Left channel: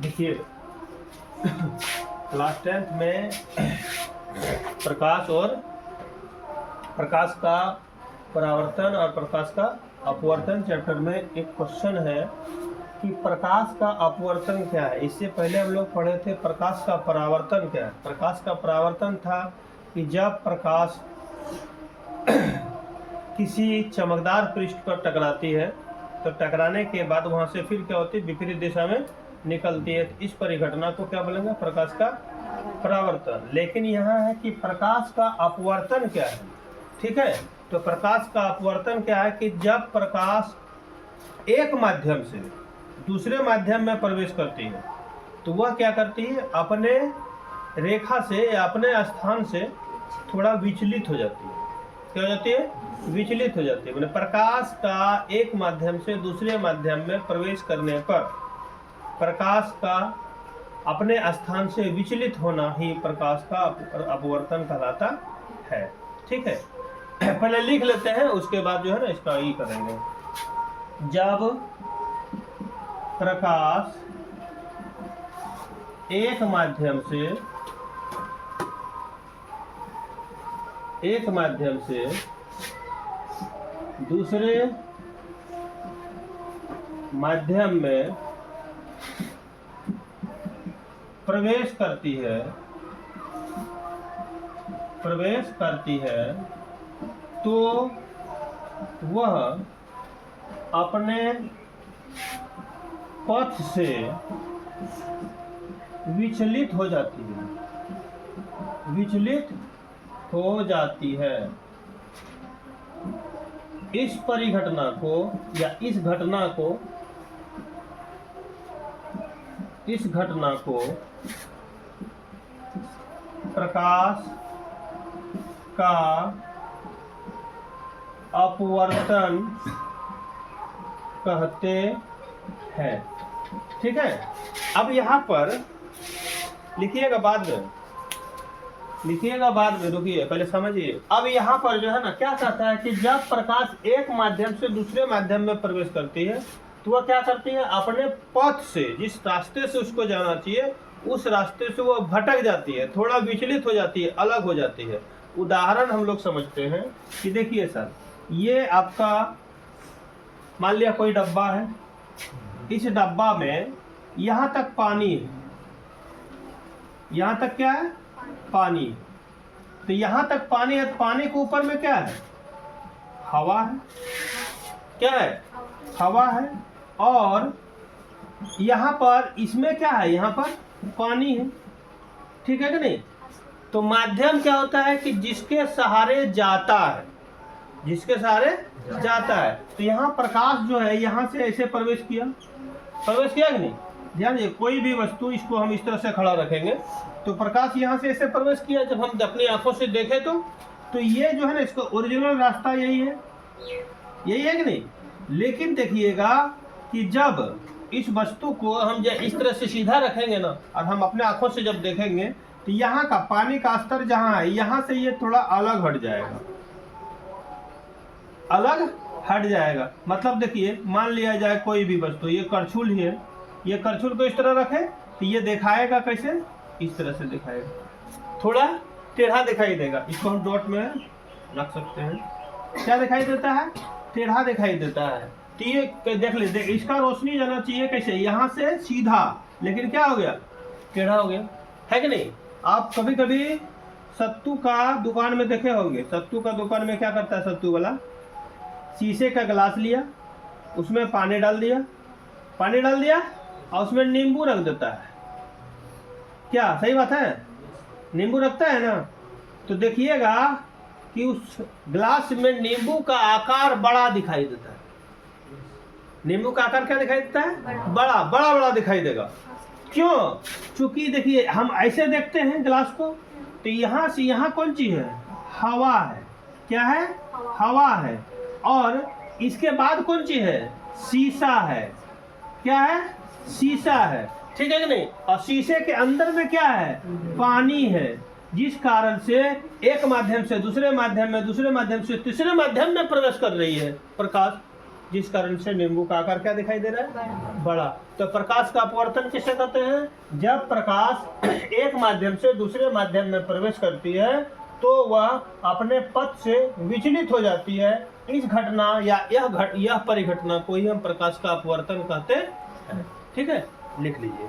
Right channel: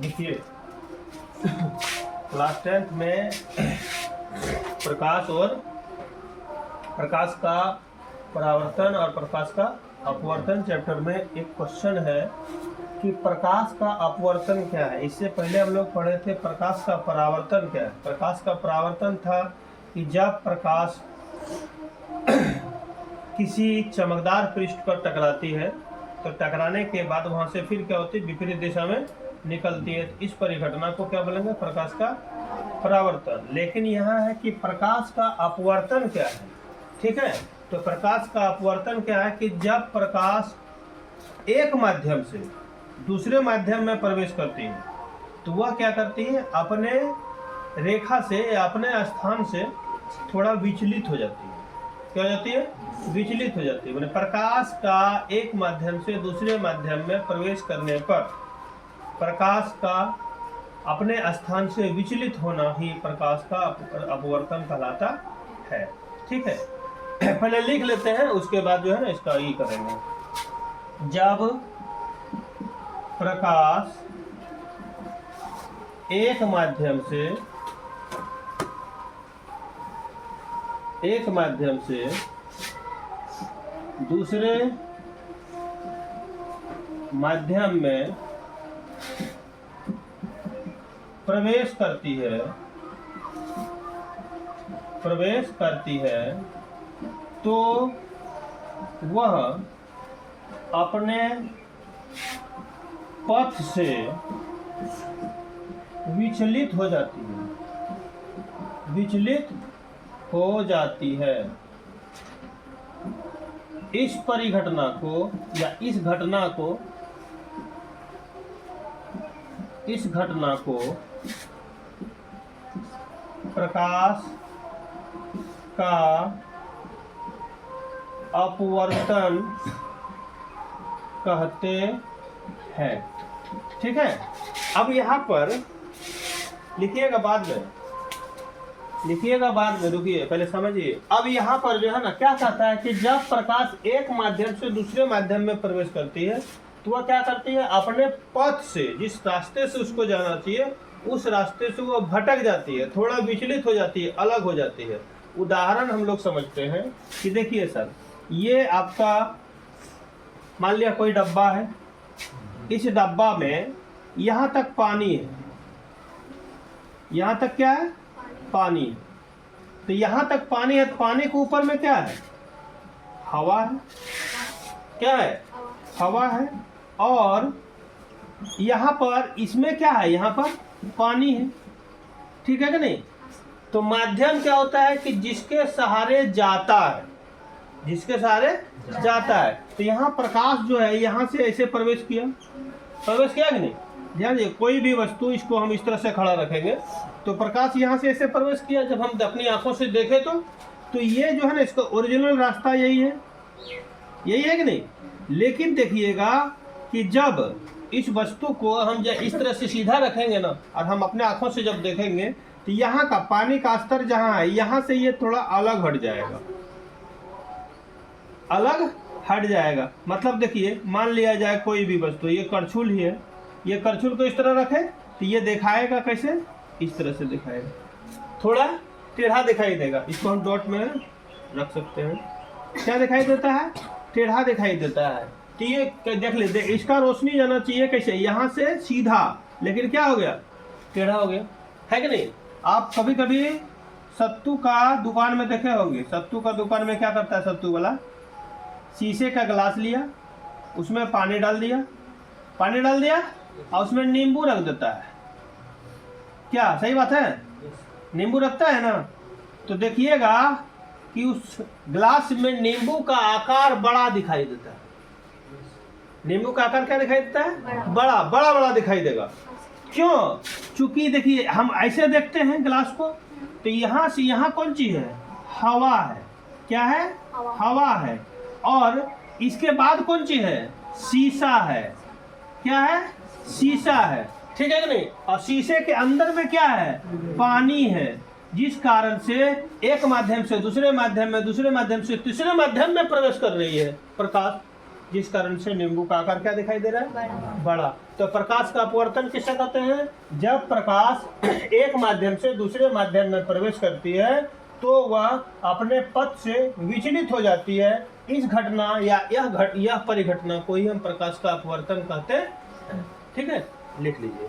देखिए class 10th में प्रकाश का परावर्तन और प्रकाश का अपवर्तन चैप्टर में एक क्वेश्चन है कि प्रकाश का अपवर्तन क्या है। इससे पहले हम लोग पढ़े थे प्रकाश का परावर्तन क्या है। प्रकाश का परावर्तन था कि जब प्रकाश किसी चमकदार पृष्ठ पर टकराती है तो टकराने के बाद वहां से फिर क्या होती है, विपरीत दिशा में निकलती है। इस परिघटना को क्या बोलेंगे, प्रकाश का परावर्तन। लेकिन यहाँ है कि प्रकाश का अपवर्तन क्या है। ठीक है, तो प्रकाश का अपवर्तन क्या है कि जब प्रकाश एक माध्यम से दूसरे माध्यम में प्रवेश करती है तो वह क्या करती है, अपने रेखा से या अपने स्थान से थोड़ा विचलित हो जाती है। क्या हो जाती है, विचलित हो जाती है। मैंने प्रकाश का एक माध्यम से दूसरे माध्यम में प्रवेश करने पर प्रकाश का अपने स्थान से विचलित होना ही प्रकाश का अपवर्तन कहलाता है। ठीक है, पहले लिख लेते हैं, उसके बाद जो है ना इसका ये करेंगे। जब प्रकाश एक माध्यम से दूसरे माध्यम में प्रवेश करती है तो वह अपने पथ से विचलित हो जाती है। इस परिघटना को या इस घटना को प्रकाश का अपवर्तन कहते हैं। ठीक है, अब यहाँ पर लिखिएगा, बाद में रुकिए, पहले समझिए। अब यहाँ पर जो है ना क्या कहता है कि जब प्रकाश एक माध्यम से दूसरे माध्यम में प्रवेश करती है तो वह क्या करती है, अपने पथ से, जिस रास्ते से उसको जाना चाहिए उस रास्ते से वो भटक जाती है, थोड़ा विचलित हो जाती है, अलग हो जाती है। उदाहरण हम लोग समझते हैं कि देखिए सर, ये आपका मान लिया कोई डब्बा है। इस डब्बा में यहाँ तक पानी है, यहाँ तक क्या है, पानी। तो यहाँ तक पानी है, तो पानी के ऊपर में क्या है, हवा है। क्या है, हवा है। और यहाँ पर इसमें क्या है, यहाँ पर पानी है। ठीक है कि नहीं। तो माध्यम क्या होता है कि जिसके सहारे जाता है, तो यहाँ प्रकाश जो है यहाँ से ऐसे प्रवेश किया कि नहीं। ध्यान दीजिए, कोई भी वस्तु, इसको हम इस तरह से खड़ा रखेंगे तो प्रकाश यहाँ से ऐसे प्रवेश किया। जब हम अपनी आंखों से देखें तो ये जो है ना, इसका ओरिजिनल रास्ता यही है कि नहीं। लेकिन देखिएगा कि जब इस वस्तु को हम इस तरह से सीधा रखेंगे ना, और हम अपने आंखों से जब देखेंगे तो यहाँ का पानी का स्तर जहाँ है, यहाँ से ये थोड़ा अलग हट जाएगा। मतलब देखिए, मान लिया जाए कोई भी वस्तु, ये करछुल ही है, ये करछुल को इस तरह रखे तो ये दिखाएगा कैसे, इस तरह से दिखाएगा, थोड़ा टेढ़ा दिखाई देगा। इसको हम डॉट में रख सकते हैं। क्या दिखाई देता है, टेढ़ा दिखाई देता है। तो ये देख ले, इसका रोशनी जाना चाहिए कैसे, यहाँ से सीधा, लेकिन क्या हो गया, टेढ़ा हो गया, है कि नहीं। आप कभी कभी सत्तू का दुकान में देखे होंगे। सत्तू का दुकान में क्या करता है, सत्तू वाला शीशे का गिलास लिया, उसमें पानी डाल दिया और उसमें नींबू रख देता है। क्या सही बात है, नींबू रखता है ना। तो देखिएगा कि उस गिलास में नींबू का आकार बड़ा दिखाई देता है। नींबू का आकार क्या दिखाई देता है, बड़ा दिखाई देगा। क्यों, चूंकि देखिए हम ऐसे देखते हैं गिलास को, तो यहाँ से यहाँ कौन चीज है, हवा है। क्या है, हवा है। और इसके बाद कौन चीज है, शीशा है। क्या है, शीशा है। ठीक है कि नहीं। और शीशे के अंदर में क्या है, पानी है। जिस कारण से एक माध्यम से दूसरे माध्यम में, दूसरे माध्यम से तीसरे माध्यम में प्रवेश कर रही है प्रकाश। जिस कारण से नींबू का आकार क्या दिखाई दे रहा है, बड़ा। तो प्रकाश का अपवर्तन किसे कहते हैं? जब प्रकाश एक माध्यम से दूसरे माध्यम में प्रवेश करती है तो वह अपने पथ से विचलित हो जाती है। इस घटना या यह परिघटना को ही हम प्रकाश का अपवर्तन कहते हैं। ठीक है, लिख लीजिए।